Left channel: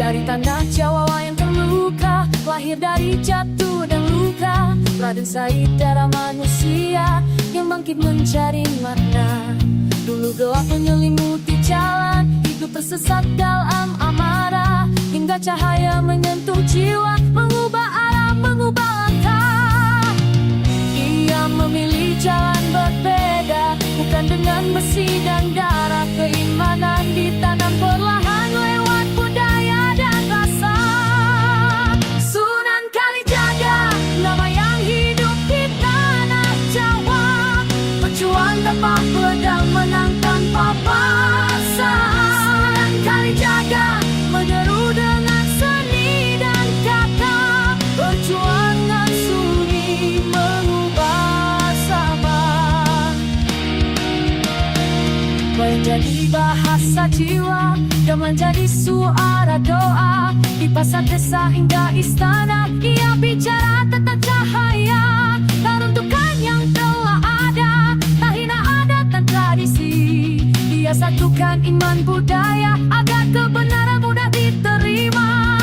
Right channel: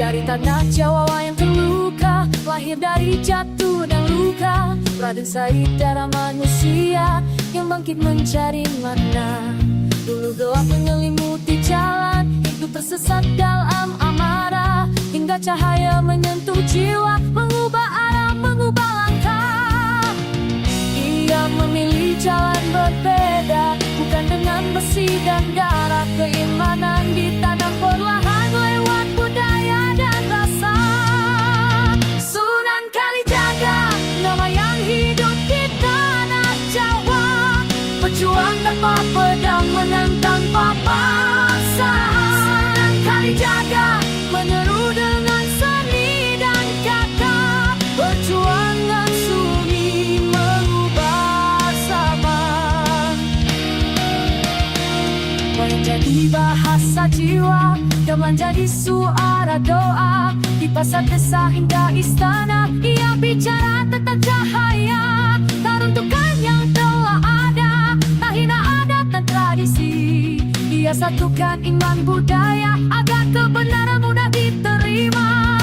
Dari tanah Jawa yang terluka, lahir dari jatuh dan luka, Raden Said darah manusia yang bangkit mencari makna. Dulu gelap menyelimuti jalan, hidup tersesat dalam amarah, hingga cahaya menyentuh jiwa, mengubah arah, mengubah langkah. Ia memilih jalan berbeda, bukan dengan besi dan darah. Keimanan ditanam perlahan lewat budaya dan rasa. Sunan Kalijaga, nama yang hidup di tanah Jawa. Pejuang tanpa pedang, menang tanpa paksa. Sunan Kalijaga menyeru dengan seni dan kata, perjuangan suli mengubah zaman. Wayang jadi bahasa jiwa, gamelan jadi suara doa. Di pasar desa hingga istana, ia bicara tentang cahaya. Tak runtuhkan yang telah ada, tak hina adat dan tradisi. Ia satukan iman budaya, agar kebenaran mudah diterima.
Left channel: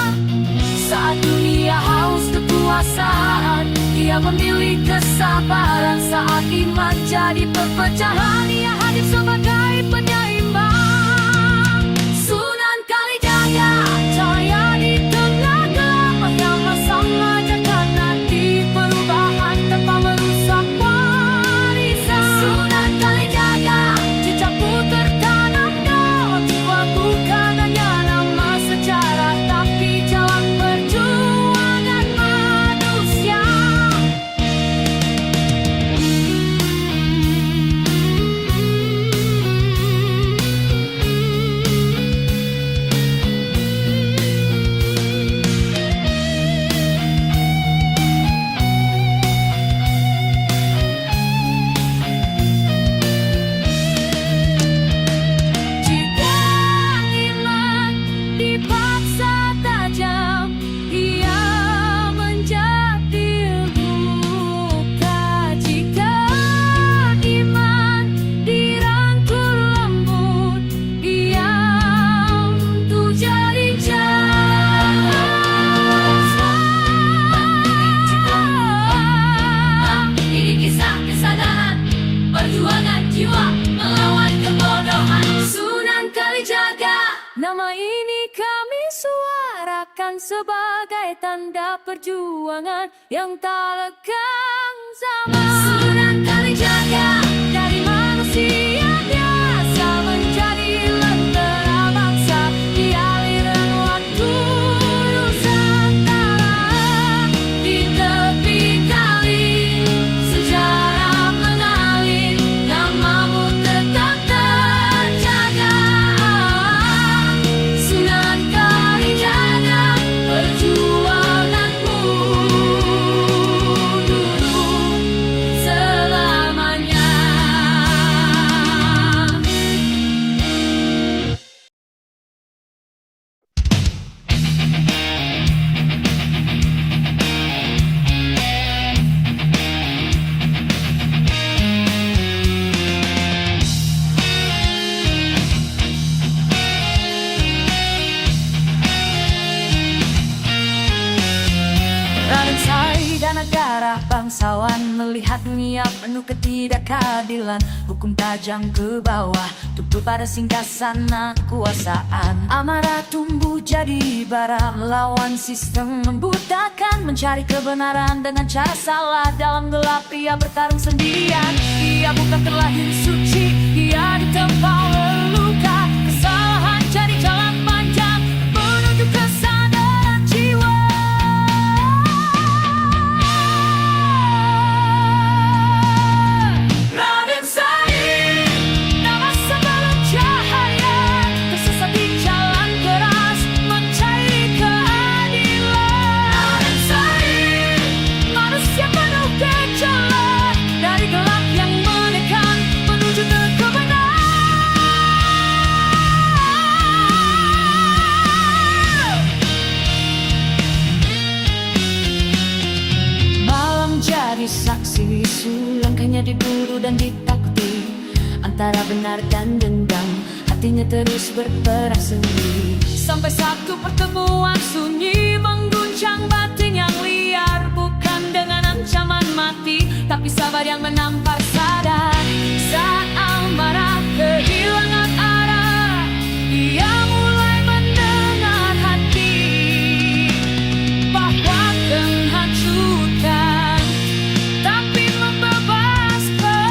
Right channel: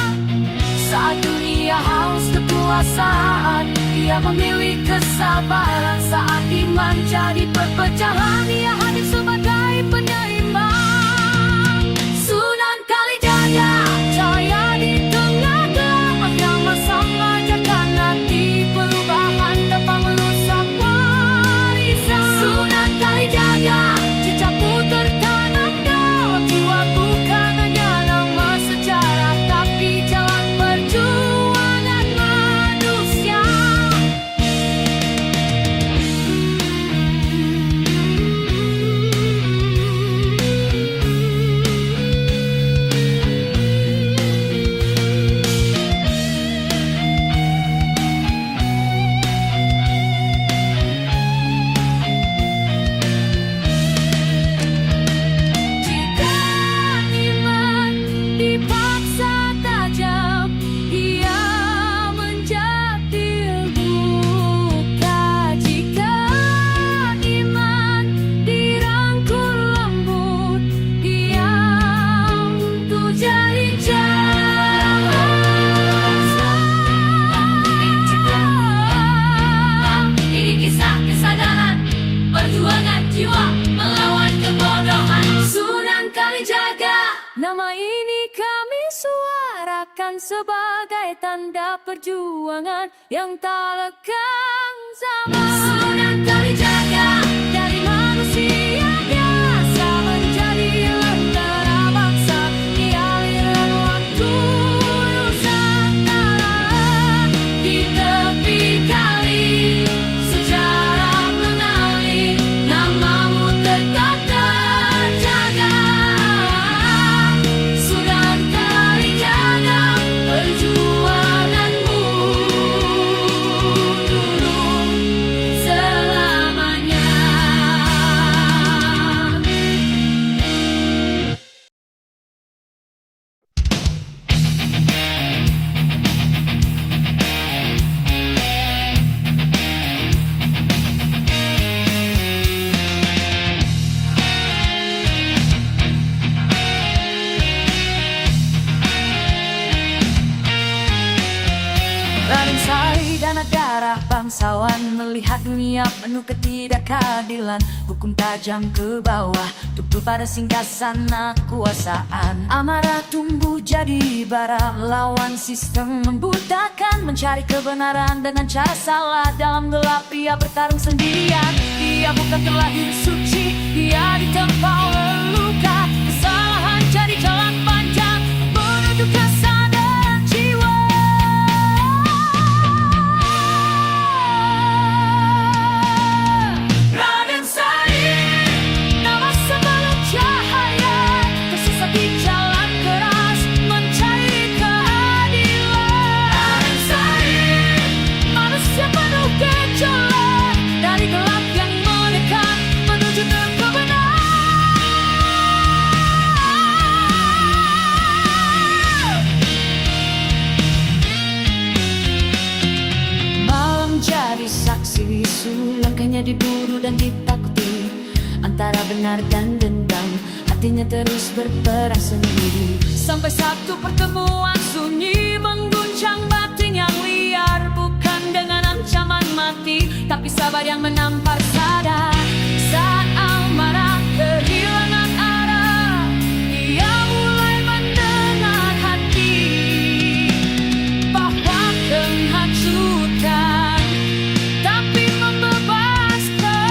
Saat dunia haus kekuasaan, ia memilih kesabaran. Saat iman jadi perpecahan, ia hadir sebagai penyeimbang. Sunan Kalijaga, cahaya di tengah gelap, bersama-sama mengajarkan arti perubahan tanpa merusak warisan. Sunan Kalijaga, jejakku tertanam dalam jiwa, bukan hanya nama sejarah, tapi jalan perjuangan manusia. Jika iman dipaksa tajam, ia menjadi luka. Jika iman dirangkul lembut, ia untuk jadi Sunan Kalijaga, nama ini kami suarakan sebagai tanda perjuangan yang tak lekang zaman. Sunan Kalijaga, dari manusia biasa menjadi lentera bangsa, di aliran waktu Nusantara. Di tepi kali sejarah mengalir, namamu tetap terjaga. Sunan Kalijaga, perjuanganmu dulu selamanya. Raden Said anak darah bangsawan, melihat dunia penuh ketidakadilan. Hukum tajam ke bawah, tutup pada singgasana kekuasaan. Amarah tumbuh jadi bara, melawan sistem membutakan. Mencari kebenaran dengan cara salah, dalam gelap ia bertarung sendirian. Ia bukan terlahir suci, ia ditempa leluka. Kesalahan jadi jalan panjang menuju kesadaran jiwa. Raden Said, nama sebelum cahaya, tersesat di jalan keras mencari keadilan. Raden Said, manusia penuh gejolak, dari gelap yang menekan menuju ke kebenaran. Malam jadi saksi bisu, langkahnya diburu dan ditakuti. Antara benar dan dendam, hatinya terus berperang sendiri. Sampai satu pertemuan sunyi mengguncang batin yang liar. Bukan dengan ancaman mati, tapi sabar yang menampar sadar. Saat amarah kehilangan arah, ia mulai mendengar hati bahwa menghancurkan tapi membebaskan.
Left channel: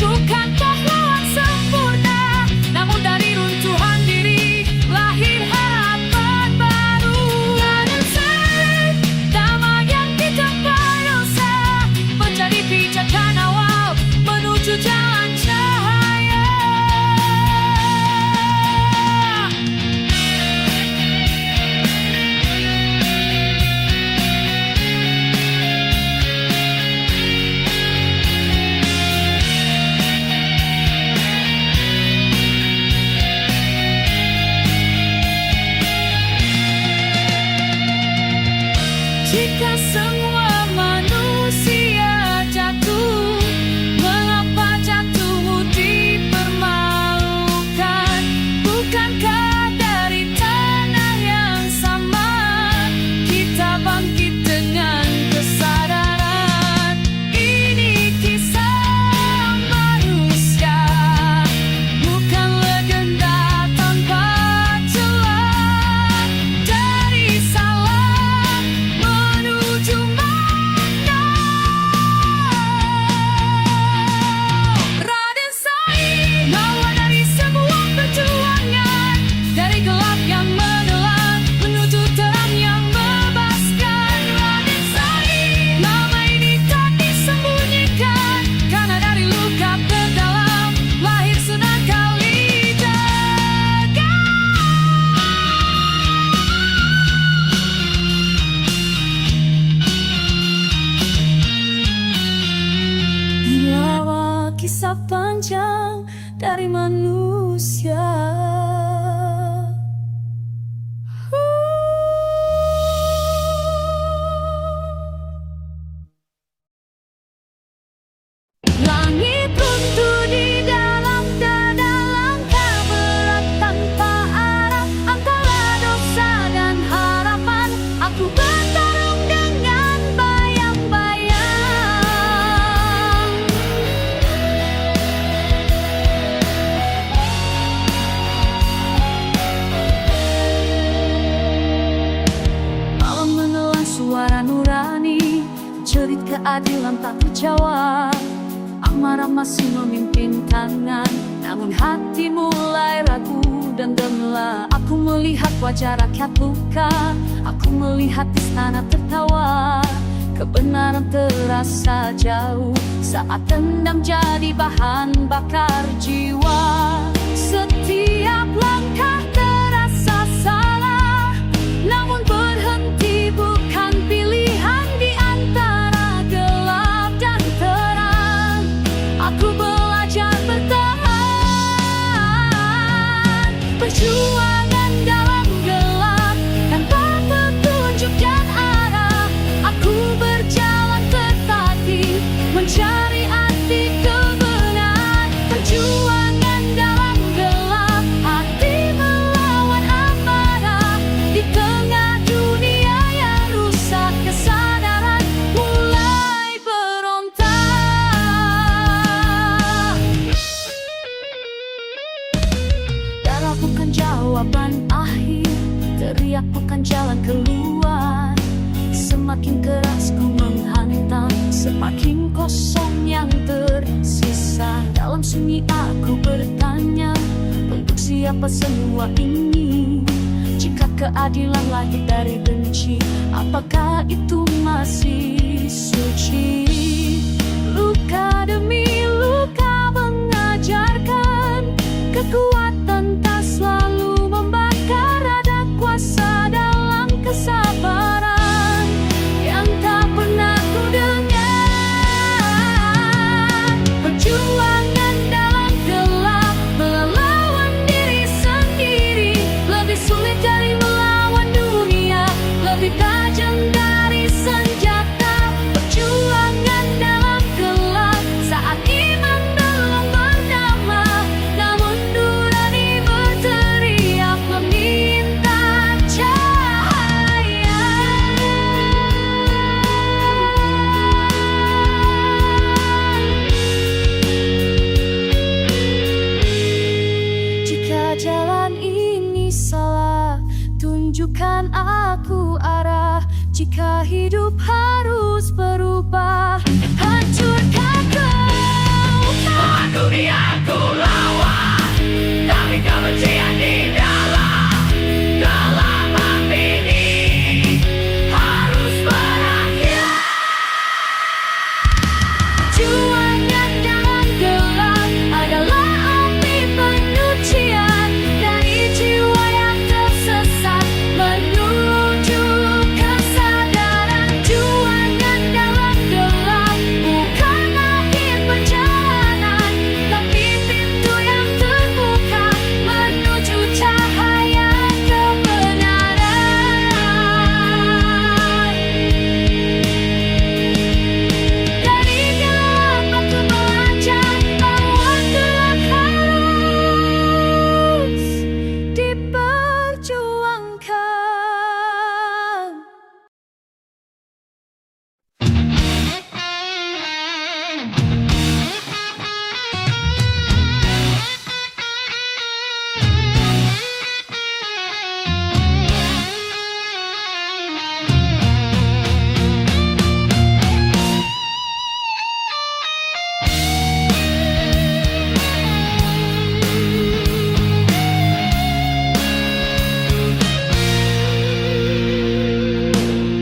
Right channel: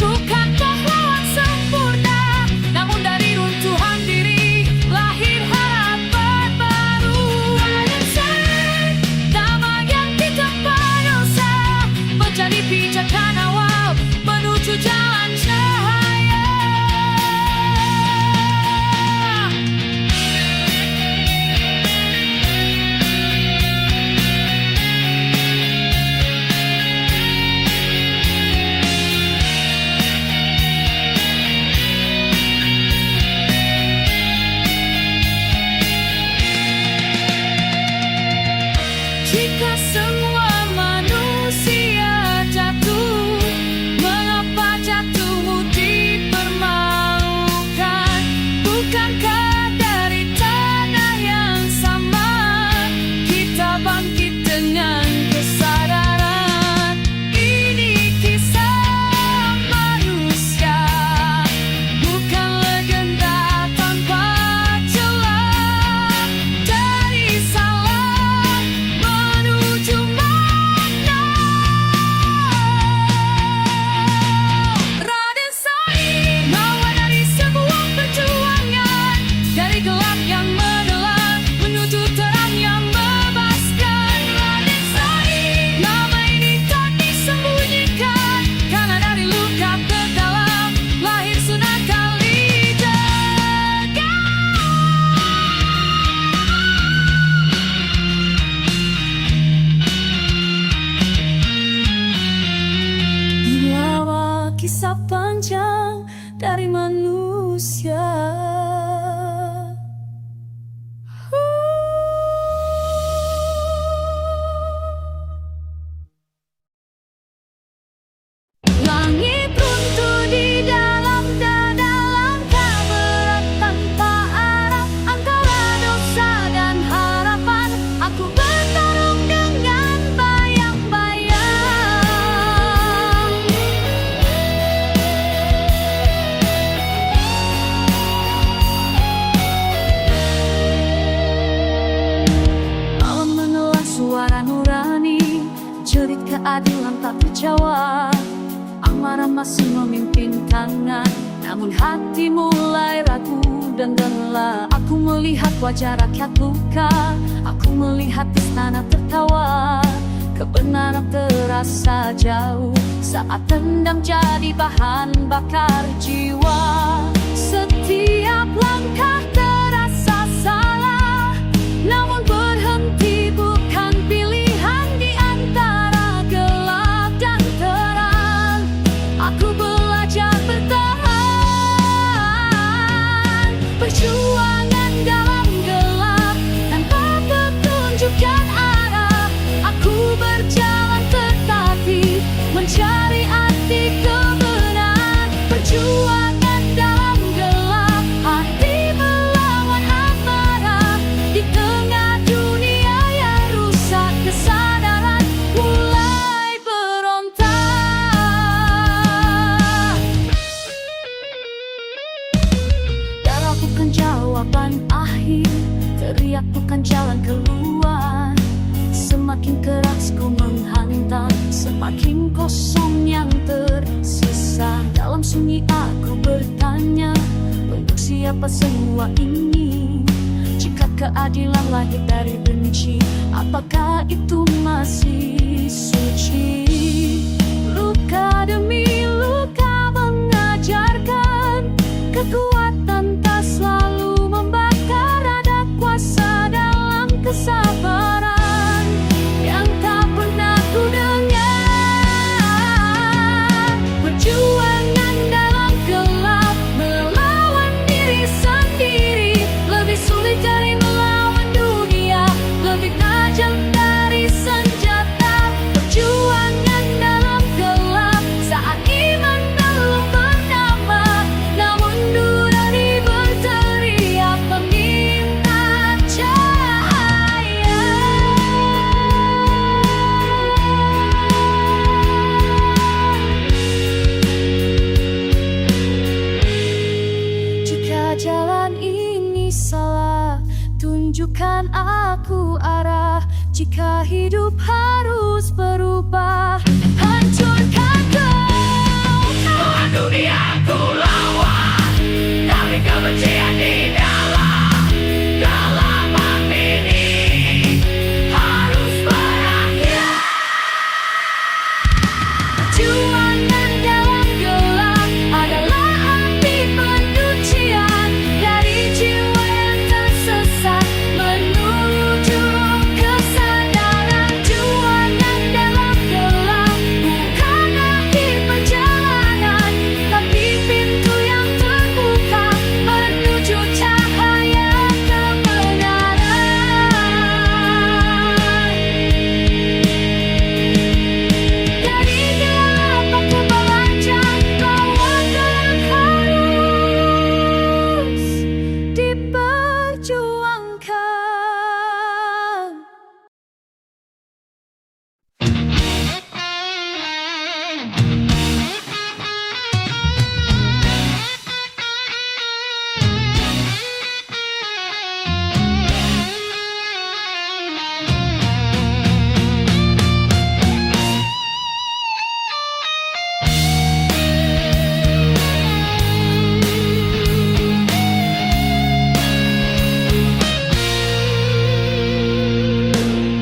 Bukan pahlawan sempurna, namun dari runtuhan diri lahir harapan baru. Damai yang kita dosa mencari pijakan awal menuju jalan cahaya. Jika semua manusia jatuh, mengapa jatuhmu dipermalukan? Bukankah dari tanah yang sama kita bangkit dengan kesadaran? Ini kisah manusia, bukan legenda tanpa celah. Dari salah menuju makna. Raden Said lawan dari semua perjuangan, dari gelap yang menelan menuju terang yang membebaskan. Raden Said, nama ini tak disembunyikan, karena dari luka terdalam lahir Sunan Kalijaga. Inilah kisah panjang dari manusia. Langit runtuh di dalam dada, langkah berat tanpa arah, antara dosa dan harapan. Aku bertarung dengan bayang-bayang. Malam menelan suara nurani, jerit keadilan tak terjawab. Amarah masih memimpin tangan, namun hati mulai ragu dan lelah. Aku melihat wajah rakyat luka, aku melihat istana tertawa. Kebenaran terasa jauh saat dendam jadi bahan bakar jiwa. Setiap langkah terasa salah, namun berhenti bukan pilihan di antara gelap dan terang. Aku belajar bertahan, perjuangan dalam gelap tanpa petunjuk dan arah. Aku berjalan tetapi mencari arti kebenaran. Perjuangan dalam gelap, hati melawan amarah. Di tengah dunia yang rusak, kesadaran mulai berontak. Darah bukan jawaban akhir, teriak bukan jalan keluar. Semakin keras ku menghantam, semakin kosong yang tersisa. Dalam sunyi aku bertanya, untuk siapa semua ini? Jika keadilan lahir dari benci, apakah itu masih suci? Luka demi luka mengajarkan, kekuatan tak selalu membakar. Ada kuasa dalam kesabaran yang tak pernah ku dengar. Perjuangan dalam gelap melawan diri sendiri, lebih sulit dari melawan dunia, lebih tajam dari senjata. Perjuangan dalam gelap saat iman Jika jalan ini salah, tunjukkan aku arah. Jika hidup harus berubah, hancurkan kau. Perjuangan dalam gelap adalah api penyucian dari jiwa yang tersesat menuju kesadaran. Perjuangan dalam gelap bukan akhir perjalanan, tapi pintu yang terbuka menuju cahaya kebenaran. Dari gelap aku belajar bahwa gelap harus diperjuangkan.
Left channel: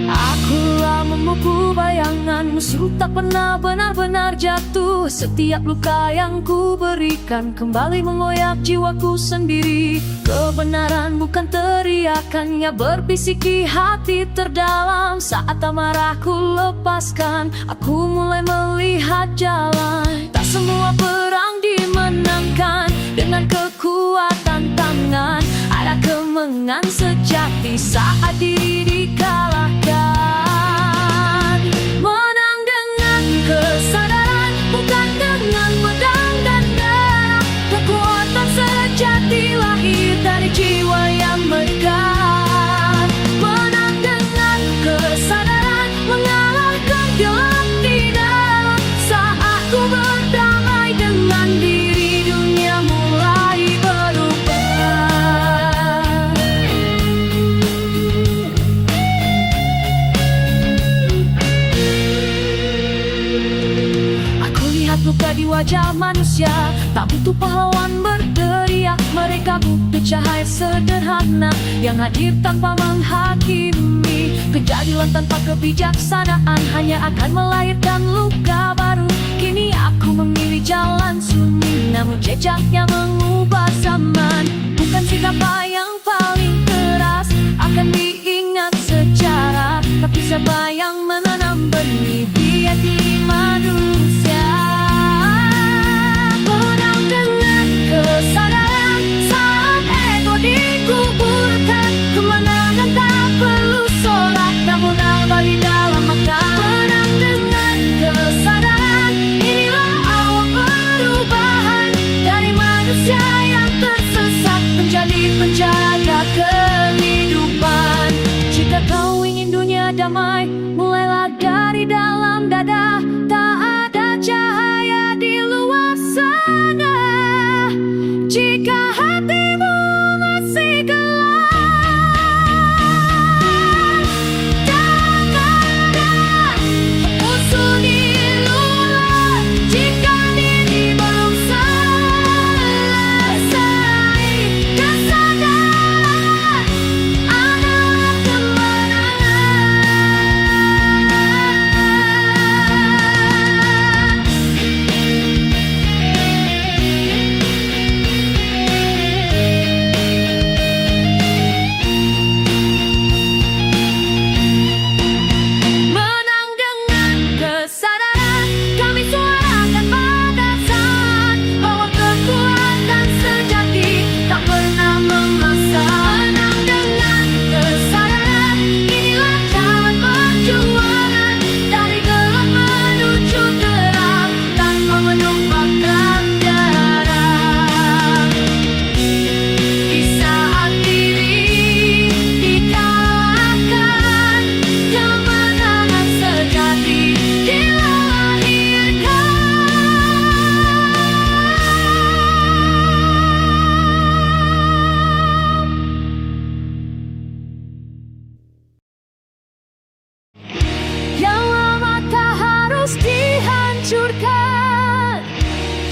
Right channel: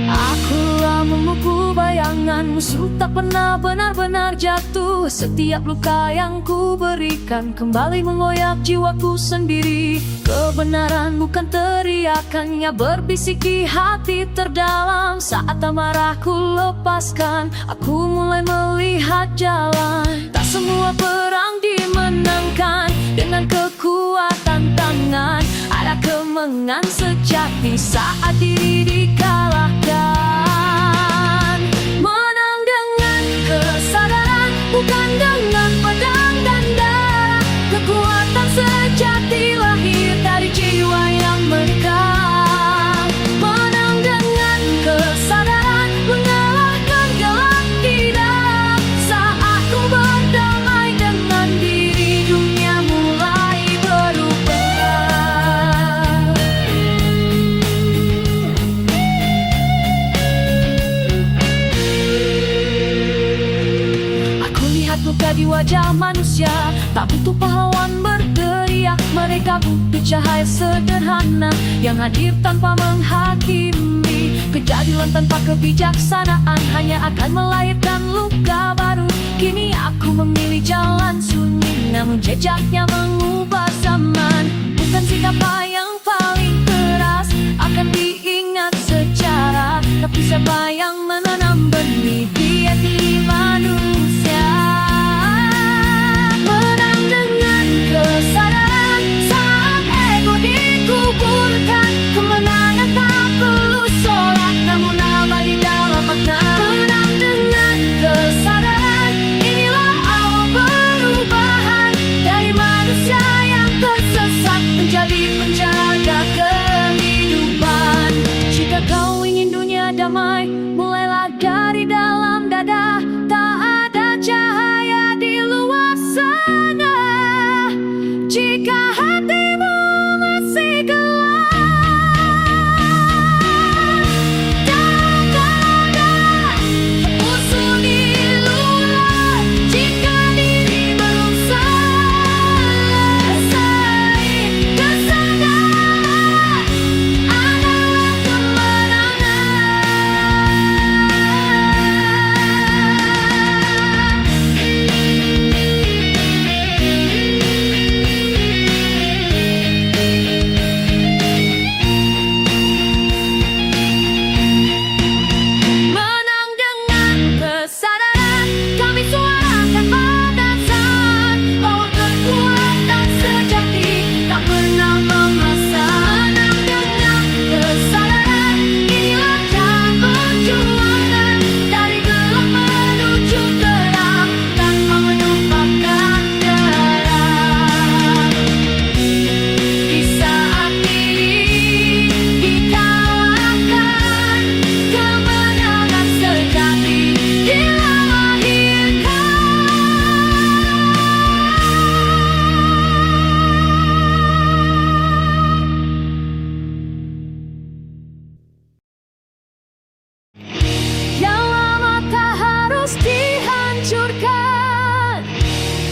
Akulah memukul bayangan musuh tak pernah benar-benar jatuh. Setiap luka yang ku berikan kembali mengoyak jiwaku sendiri. Kebenaran bukan teriakannya berbisik di hati terdalam. Saat amarahku lepaskan, aku mulai melihat jalan. Tak semua perang dimenangkan dengan kekuatan tangan. Ada kemenangan sejati saat diri dikalahkan. Menang dengan kesadaran, bukan dengan pedang dan darah. Kekuatan sejati lahir dari jiwa yang megah. Menang dengan kesadaran, mengalahkan gelap di dalam. Saat ku berdamai dengan diri, dunia mulai berubah. Aku lihat luka di wajah manusia, tak butuh pahlawan berteriak. Mereka butuh cahaya sederhana yang hadir tanpa menghakimi. Kejadian tanpa kebijaksanaan hanya akan melahirkan luka baru. Kini aku memilih jalan sunyi, namun jejaknya mengubah zaman. Bukan siapa yang paling keras akan diingat sejarah, tapi siapa yang menanam benih di hati manusia. Menang dengan kesadaran saat ego dikuburkan. Kemenangan tak perlu sorak, namun abadi dalam makna. Menang dengan kesadaran, inilah awal perubahan dari manusia yang tersesat menjadi penjaga kehidupan. Jika kau ingin dunia damai, mulailah dari dalam dada. Tak ada cahaya di luar sana jika hatimu masih gelap. Tak ada musuh di luar jika diri belum selesai. Kesadaran adalah kemenangan.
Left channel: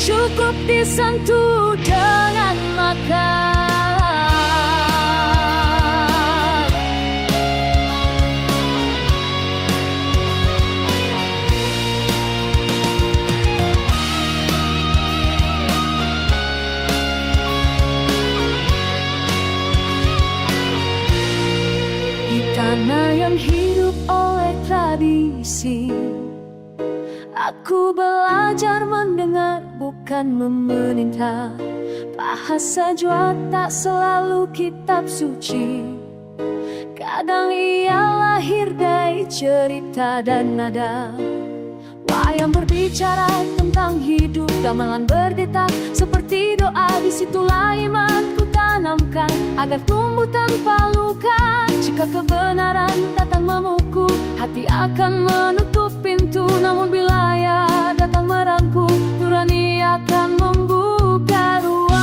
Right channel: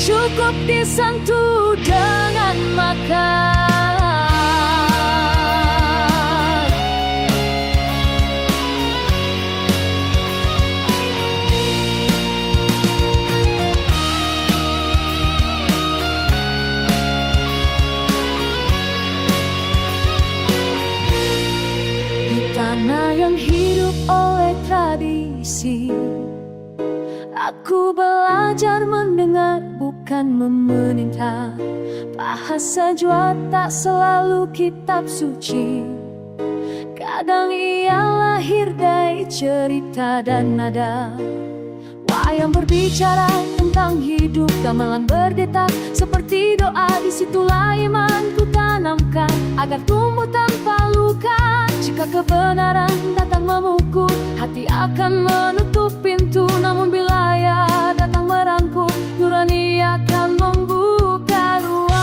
cukup disentuh dengan makan. Di tanah yang hidup oleh tradisi, aku belajar mendengar bukan memerintah. Bahasa jua tak selalu kitab suci, kadang ia lahir dari cerita dan nada. Wayang berbicara tentang hidup, gamelan berdetak seperti doa. Disitulah iman ku tanamkan agar tumbuh tanpa luka. Jika kebenaran datang memukul, hati akan menutup pintu. Namun bila ia datang merangkul, nurani akan membuka ruang.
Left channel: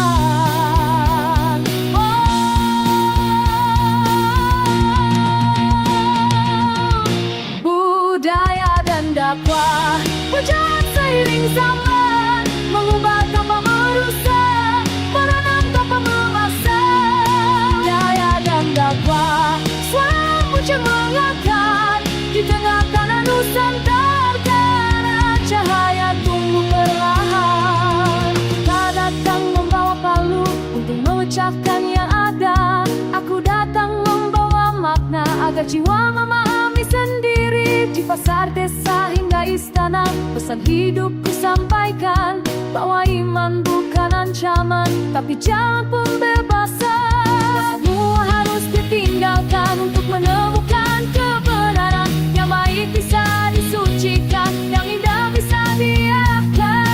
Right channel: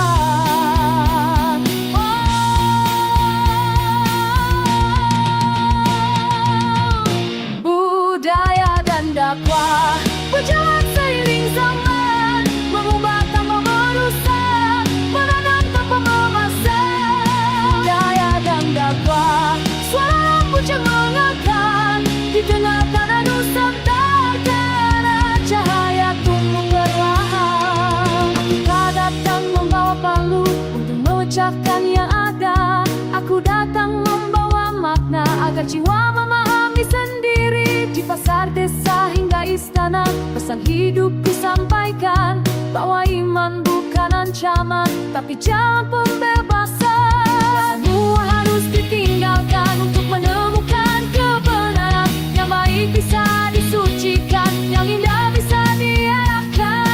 Budaya dan dakwah berjalan seiring zaman, mengubah tanpa merusak, menanam tanpa memasak. Budaya dan dakwah, suara puncak mengangkat di tengah tanah Nusantara. Cahaya tumbuh perlahan, kita datang membawa palu untuk memecahkan yang ada. Aku datang membawa makna agar jiwa memahami sendiri. Di pasar desa hingga istana, pesan hidupku sampaikan bahwa iman bukan ancaman, tapi jalan pembebasan. Semua harus ditinggalkan untuk menemukan kebenaran. Yang baik bisa disucikan, yang indah bisa diarahkan.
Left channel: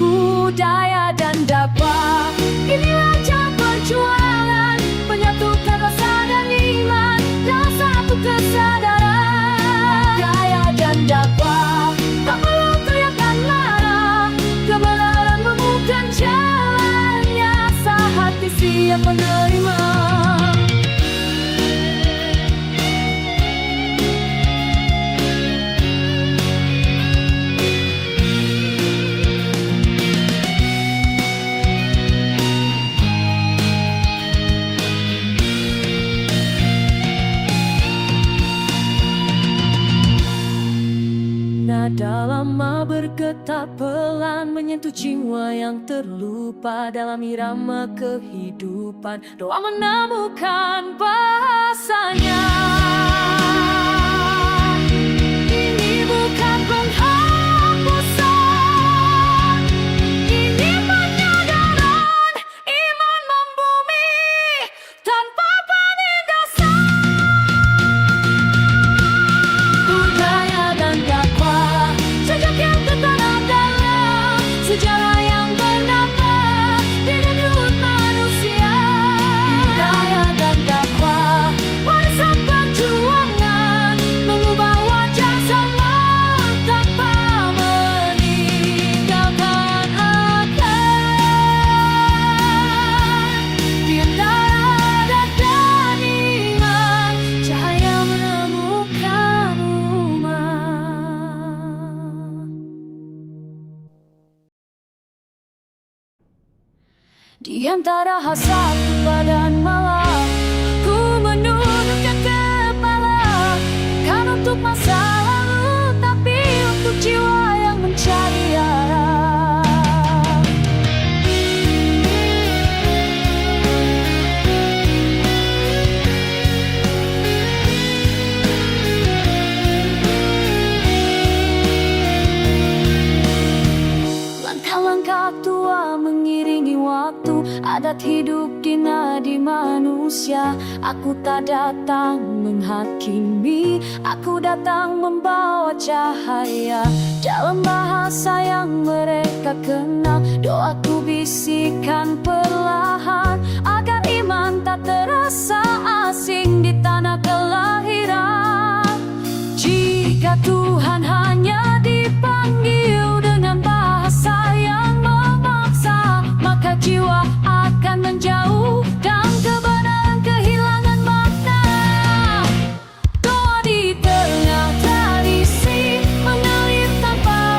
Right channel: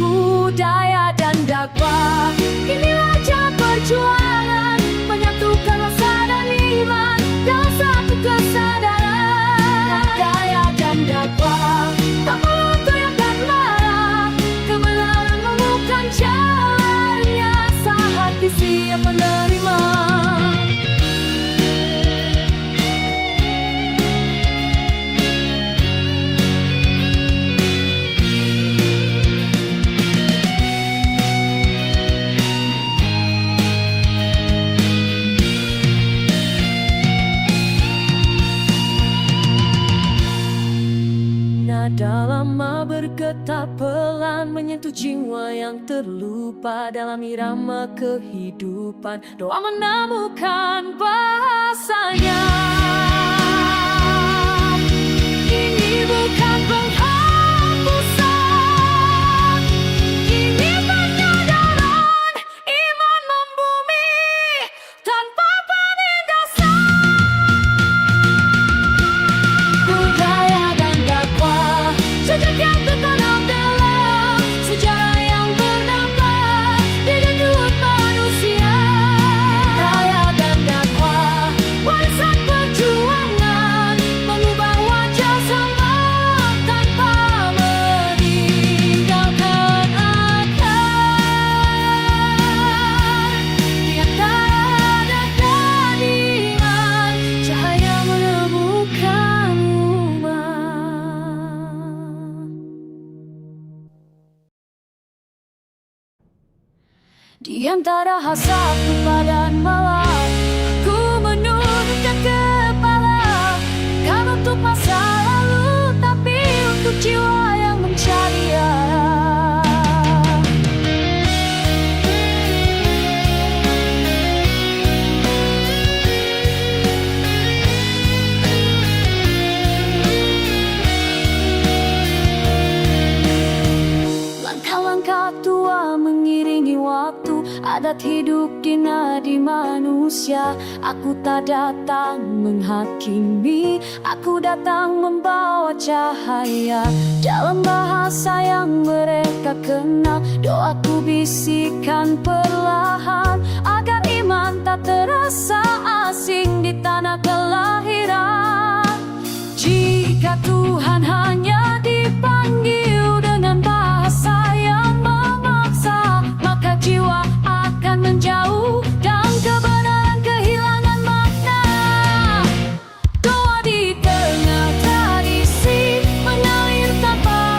Budaya dan dakwah, inilah jalan perjuangan, menyatukan rasa dan iman dalam satu kesadaran. Budaya dan dakwah, tak perlu teriakan marah, kebenaran menemukan jalannya, sehati siap menerima. Nada lama bergetar pelan menyentuh jiwa yang terlupa dalam irama kehidupan. Doa menemukan bahasanya. Ini bukan penghapusan, ini penyadaran iman membumi tanpa penindasan. Budaya dan dakwah, sejak yang tertanam dalam sejarah yang bernafas di denyut manusia. Budaya dan dakwah, warisan perjuangan, mengubah wajah sama tanpa meninggalkan akar. Di antara adat dan iman, cahaya menemukan rumah. Di antara hasratku pada malam, ku menundukkan kepala, bukan untuk masa lalu, tapi untuk jiwa yang mencari arah. Langkah-langkah tua mengiringi waktu, adat hidup di nadi manusia. Aku tak datang menghakimi, aku datang membawa cahaya dalam bahasa yang mereka kenal. Doaku bisikan perlahan agar iman tak terasa asing di tanah kelahiran. Jika Tuhan hanya dipanggil dengan bahasa yang memaksa, maka jiwa akan menjauh dan kebenaran kehilangan makna. Doa di tengah tradisi mengalir tanpa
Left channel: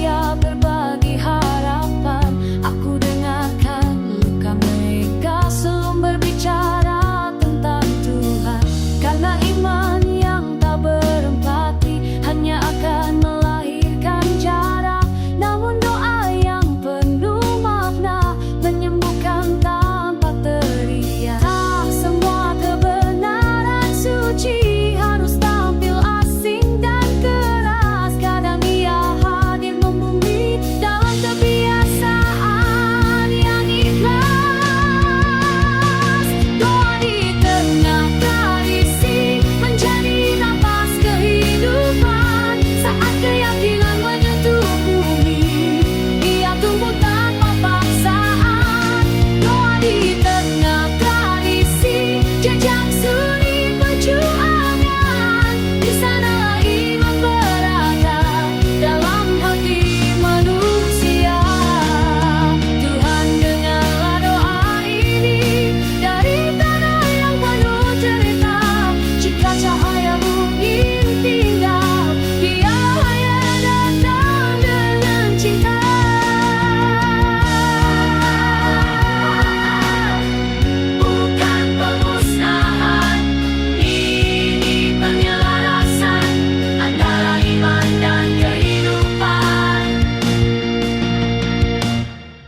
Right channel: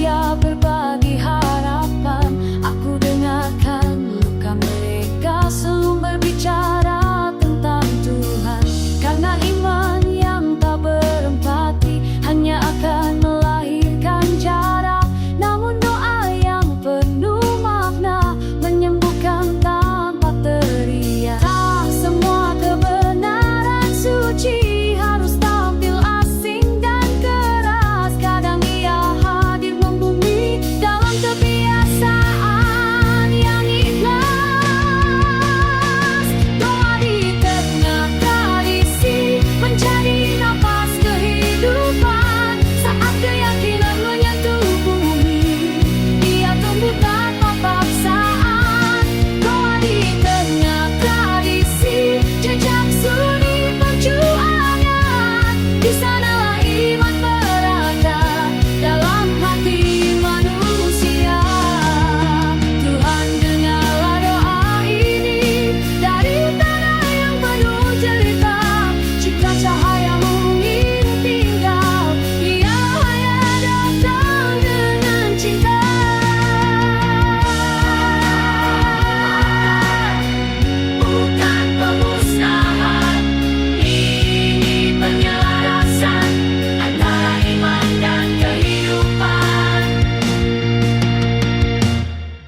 setia berbagi harapan. Aku dengarkan luka mereka sebelum berbicara tentang Tuhan. Karena iman yang tak berempati hanya akan melahirkan jarak. Namun doa yang penuh makna menyembuhkan tanpa teriak. Tak semua kebenaran suci harus tampil asing dan keras. Kadang ia hadir membumi dalam kebiasaan yang ikhlas. Doa di tengah tradisi menjadi napas kehidupan. Saat keyakinan menyentuh bumi, ia tumbuh tanpa paksaan. Doa di tengah tradisi, jejak sunyi perjuangan. Di sanalah iman berakar dalam hati manusia. Tuhan, dengarlah doa ini dari tanah yang penuh cerita. Jika cahayamu ingin tinggal, dia hanya datang dengan cinta. Bukan pemusnahan, ini penyelarasan antara iman dan kehidupan.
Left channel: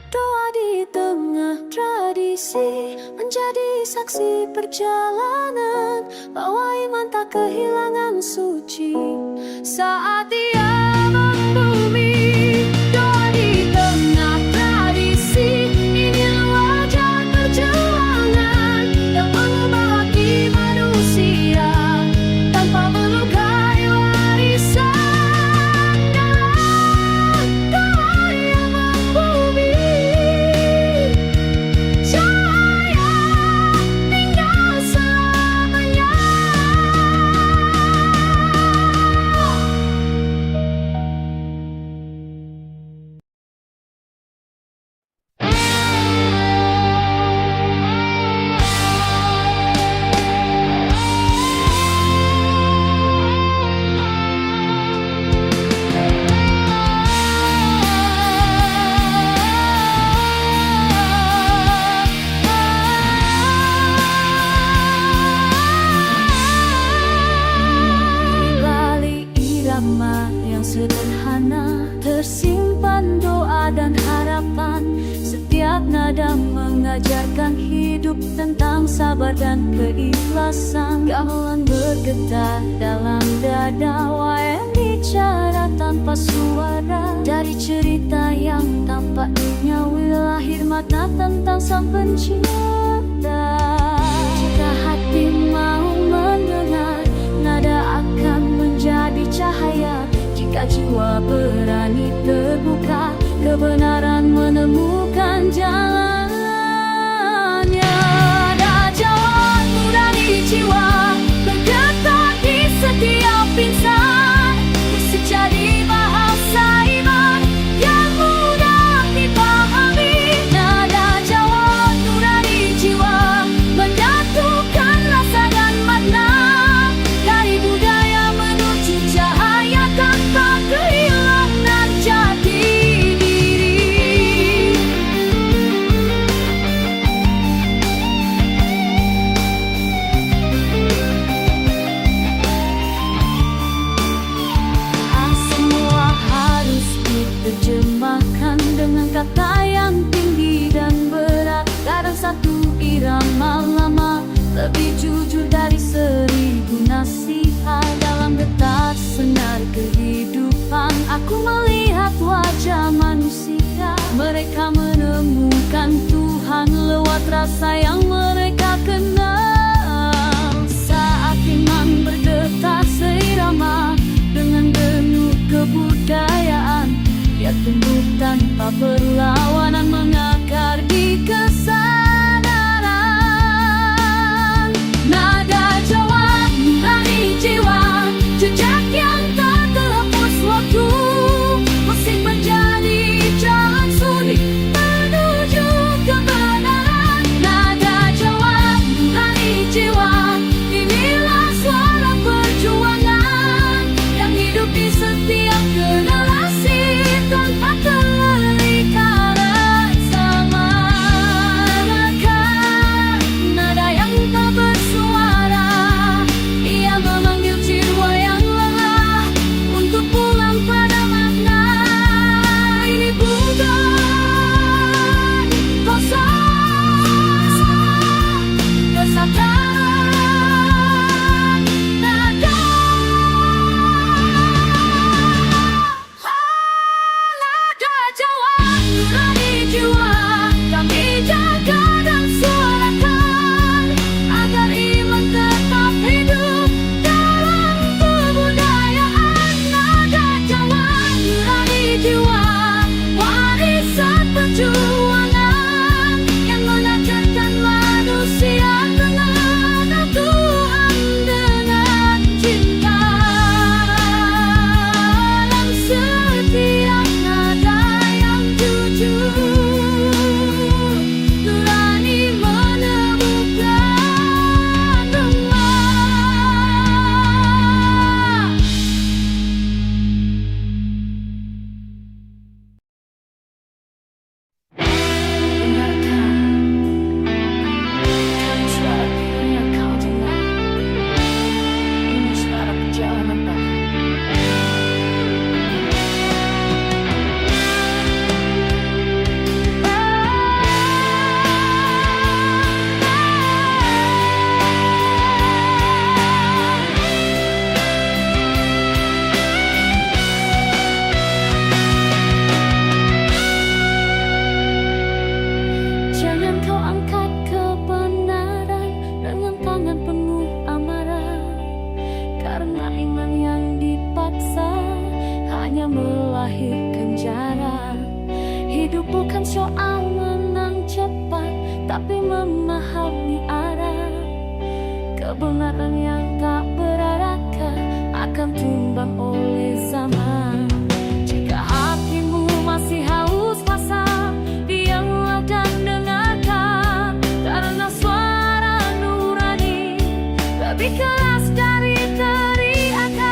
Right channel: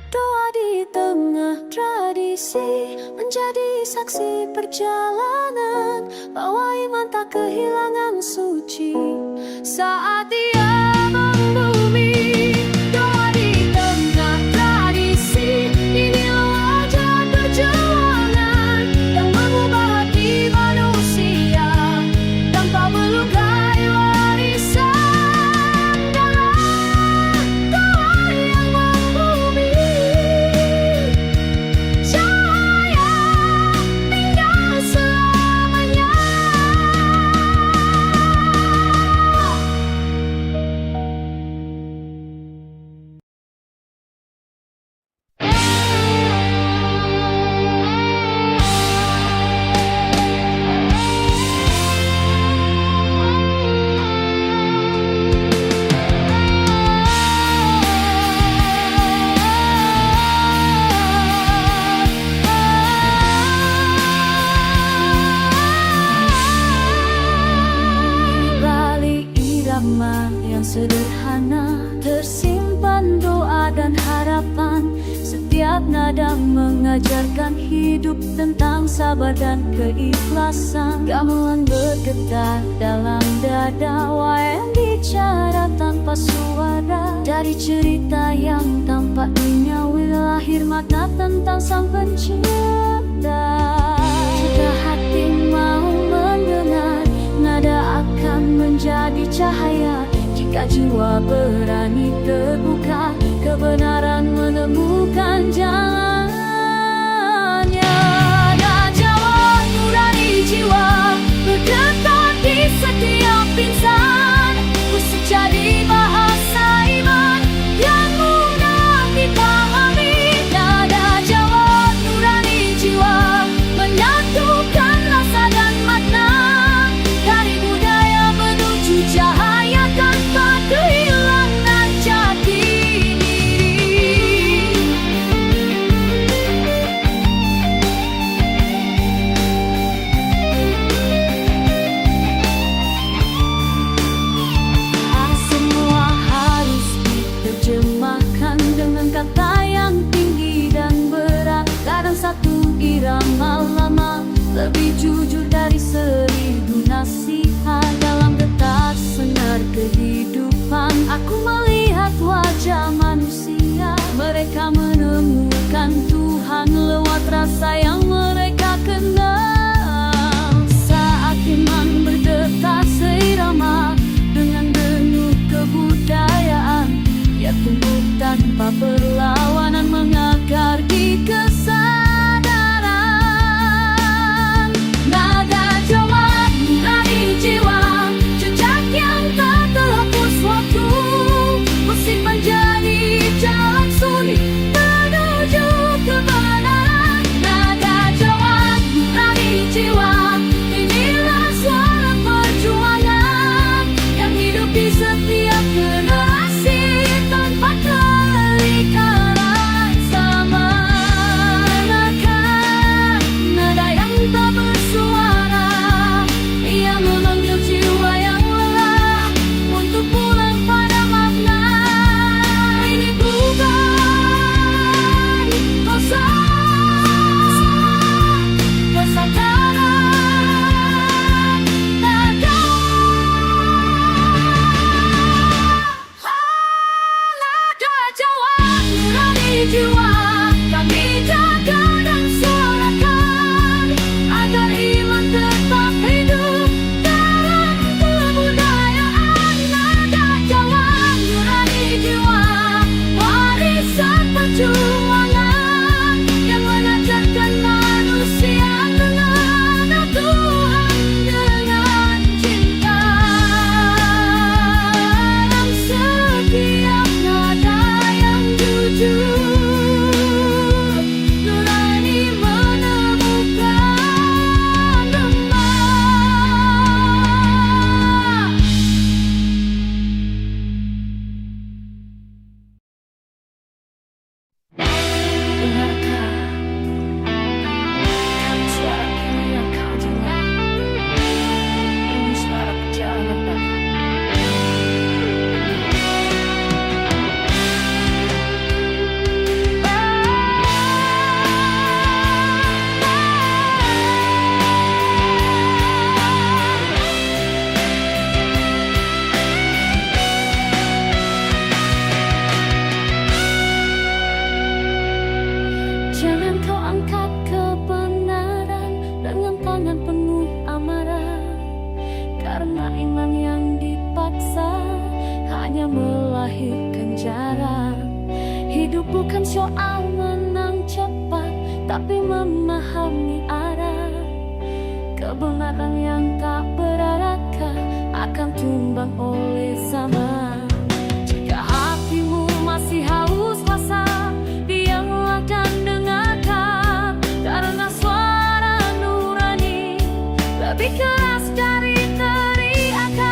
Doa di tengah tradisi menjadi saksi perjalanan, bahwa iman tak kehilangan suci saat ia membumi. Doa di tengah tradisi, inilah wajah perjuangan yang mengubah hati manusia tanpa melukai warisan. Dalam doa yang membumi, cahaya tinggal selamanya. Di balik irama yang sederhana tersimpan doa dan harapan. Setiap nada mengajarkan hidup tentang sabar dan keikhlasan. Gamelan bergetar dalam dada, wayang bicara tanpa suara. Dari cerita yang tampak duniawi lahir makna tentang sang pencipta. Jika hati mau mendengar, nada akan menjadi cahaya. Jika jiwa berani terbuka, kebenaran menemukan jalannya. Ada Jawa nurani jiwa bergetar di setiap insan. Musik jadi bahasa iman yang mudah dipahami. Nada Jawa nurani jiwa menyatukan rasa dan makna. Dari budaya menuju cahaya tanpa kehilangan jati diri. Semua harus diterjemahkan dengan kata yang tinggi dan berat. Kadang satu irama lama lebih jujur dari 1000 nasihat. Dalam detak senar kehidupan, aku melihat wajah manusia. Mereka menemukan Tuhan lewat rasa yang mereka kenal. Saat iman berdetak seirama dengan denyut kebudayaan, ia tumbuh tanpa perlawanan, mengakar di kesadaran. Nada Jawa nurani jiwa, jejak yang tak terhapus waktu. Musik menjadi jalan sunyi menuju kebenaran. Nada Jawa nurani jiwa, inilah suara perjuangan yang hidup di setiap generasi. dengan tangan penuh amarah. Karena iman yang dipaksa hanya melahirkan jarak. Hidup bukan soal menang cepat, tapi memahami arah. Kebenaran yang tak berakar akan tumbang oleh zaman. Jika hatimu masih haus masa, diamlah dan dengarkan. Karena suara nurani lebih keras dari teriakan.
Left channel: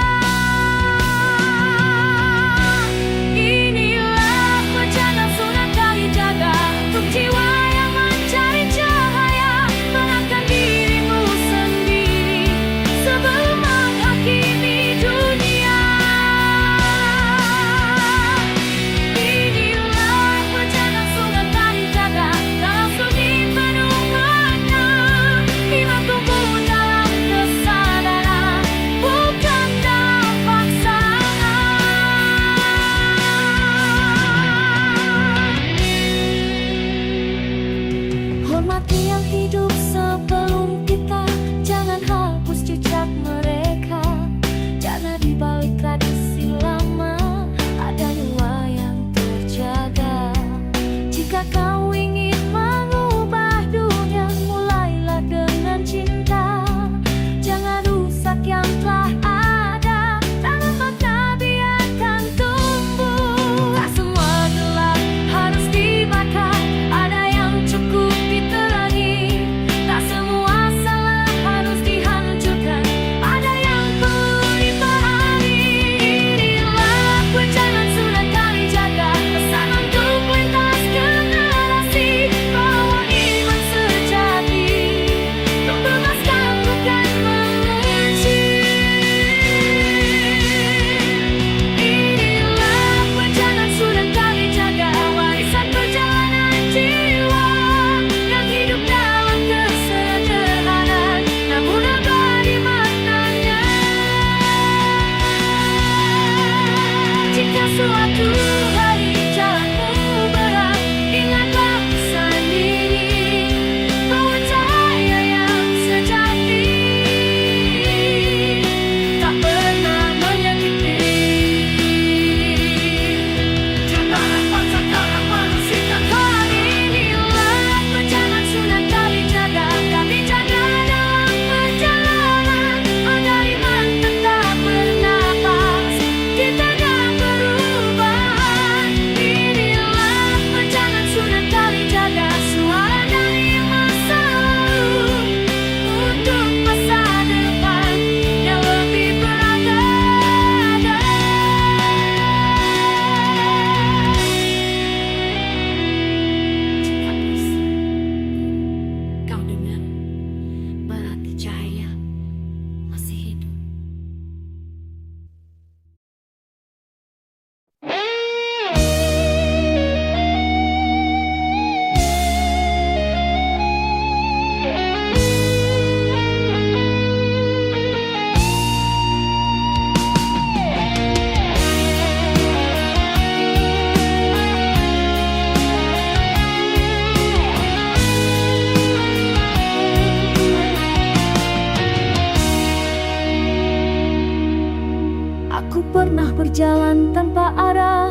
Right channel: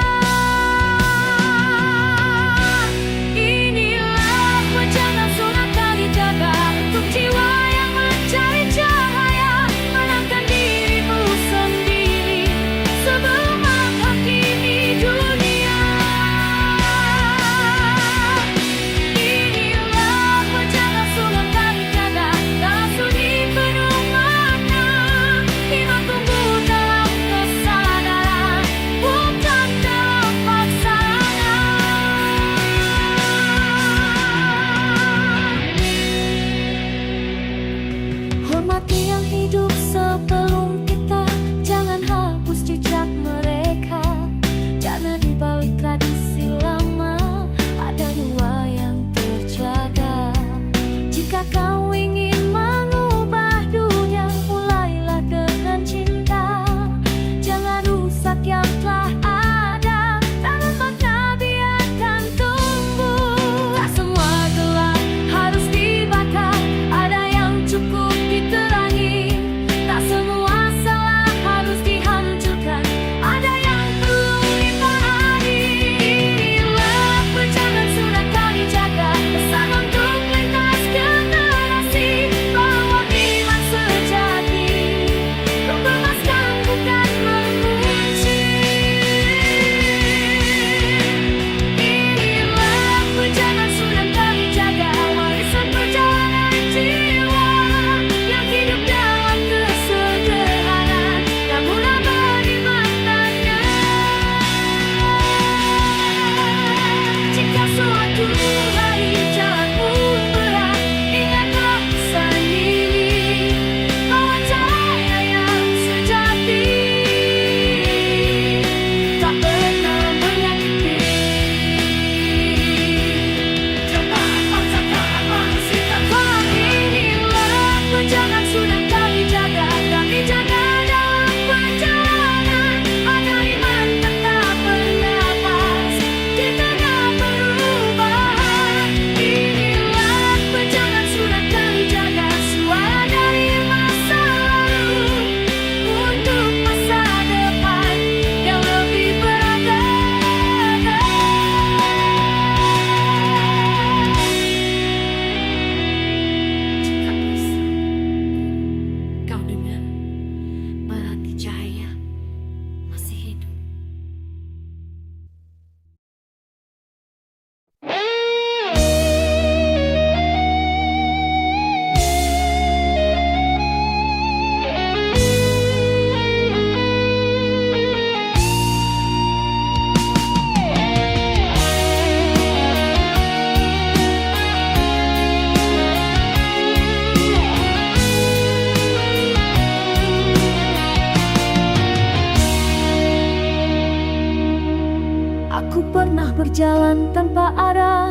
Inilah pejangan sunan kalijaga untuk jiwa yang mencari cahaya. Menangkan dirimu sendiri sebelum menghakimi dunia. Inilah pejangan sunan kalijaga dalam sunyi penuh makna. Iman tumbuh dalam kesadaran, bukan dalam paksaan. Hormati yang hidup sebelum kita, jangan hapus jejak mereka. Karena di balik tradisi lama ada nyawa yang terjaga. Jika kau ingin mengubah dunia, mulailah dengan cinta. Jangan rusak yang telah ada, tanam makna biarkan tumbuh. Tak semua gelap harus dibakar, ada yang cukup diterangi. Tak semua salah harus dihancurkan, ada yang perlu dipahami. Inilah pejangan sunan kalijaga, pesan untuk lintas generasi, bahwa iman sejati membebaskan bukan mengunci. Inilah pejangan sunan kalijaga, warisan perjalanan jiwa yang hidup dalam kesederhanaan, namun abadi maknanya. Jika suatu hari jalanmu berat, ingatlah pesan ini, bahwa cahaya yang sejati tak pernah menyakiti. Wah, inilah pejangan sunan kalijaga, tapi jaga dalam perjalanan, ada iman tetap bernapas di tengah perubahan. Inilah pejangan sunan kalijaga, suara dari masa lalu untuk masa depan yang lebih beragam. Jika bisa kau dengar, berarti cahaya masih hidup. Aku pernah berjalan tanpa arah,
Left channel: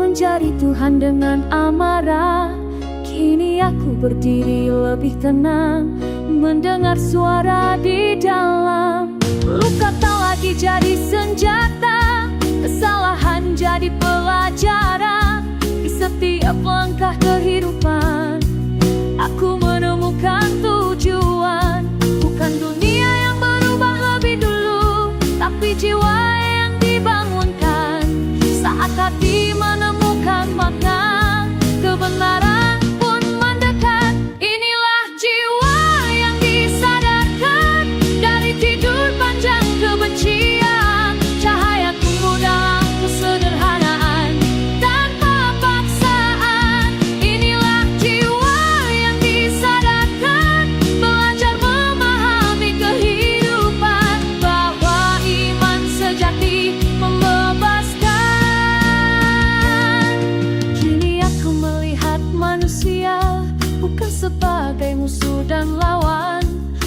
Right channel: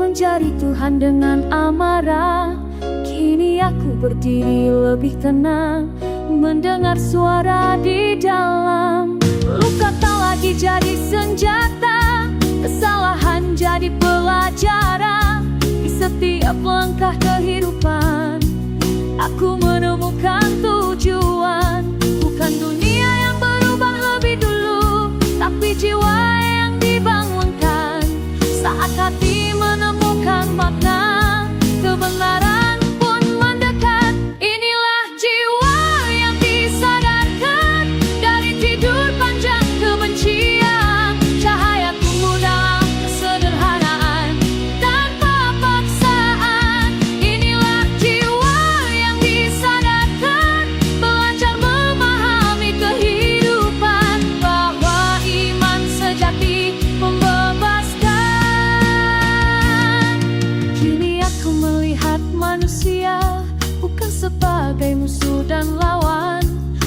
mencari Tuhan dengan amarah. Kini aku berdiri lebih tenang, mendengar suara di dalam. Luka tak lagi jadi senjata, kesalahan jadi pelajaran. Di setiap langkah kehidupan, aku menemukan tujuan. Bukan dunia yang berubah lebih dulu, tapi jiwa yang dibangunkan. Saat hati menemukan makna, kebenaran pun mendekat. Inilah jiwa yang disadarkan dari tidur panjang kebencian. Cahaya tumbuh dalam kesederhanaan tanpa paksaan. Inilah jiwa yang disadarkan, belajar memahami kehidupan, bahwa iman sejati membebaskan. Kini aku melihat manusia bukan sebagai musuh dan lawan,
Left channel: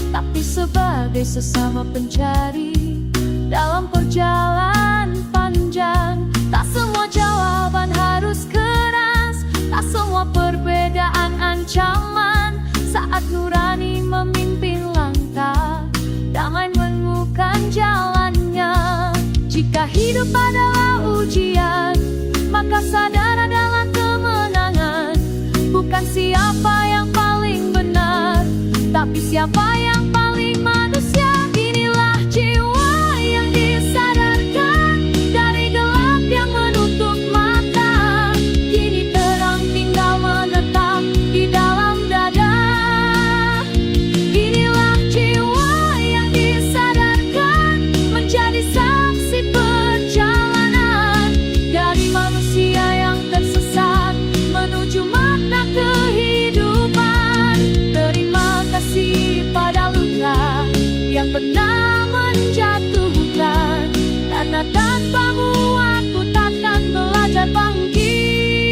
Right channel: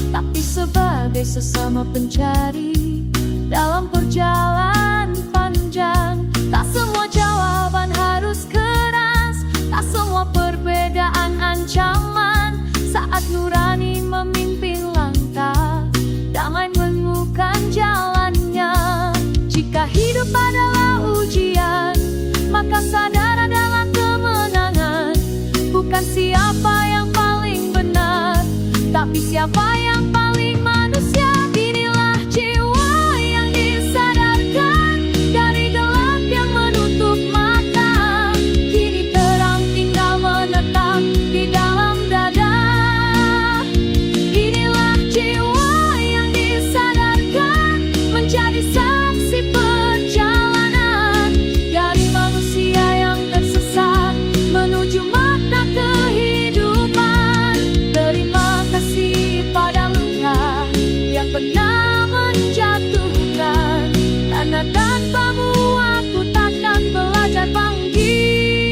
tapi sebagai sesama pencari dalam perjalanan panjang. Tak semua jawaban harus keras, tak semua perbedaan ancaman. Saat nurani memimpin langkah, damai menemukan jalannya. Jika hidup adalah ujian, maka sadar adalah kemenangan. Bukan siapa yang paling benar, tapi siapa yang paling manusia. Inilah jiwa yang disadarkan dari gelap yang menutup mata. Kini terang tinggal menetap di dalam dada. Inilah jiwa yang disadarkan menjadi saksi perjalanan dari manusia yang tersesat menuju makna kehidupan. Terima kasih pada luka yang pernah menjatuhkan, karena tanpamu aku takkan belajar bangkit.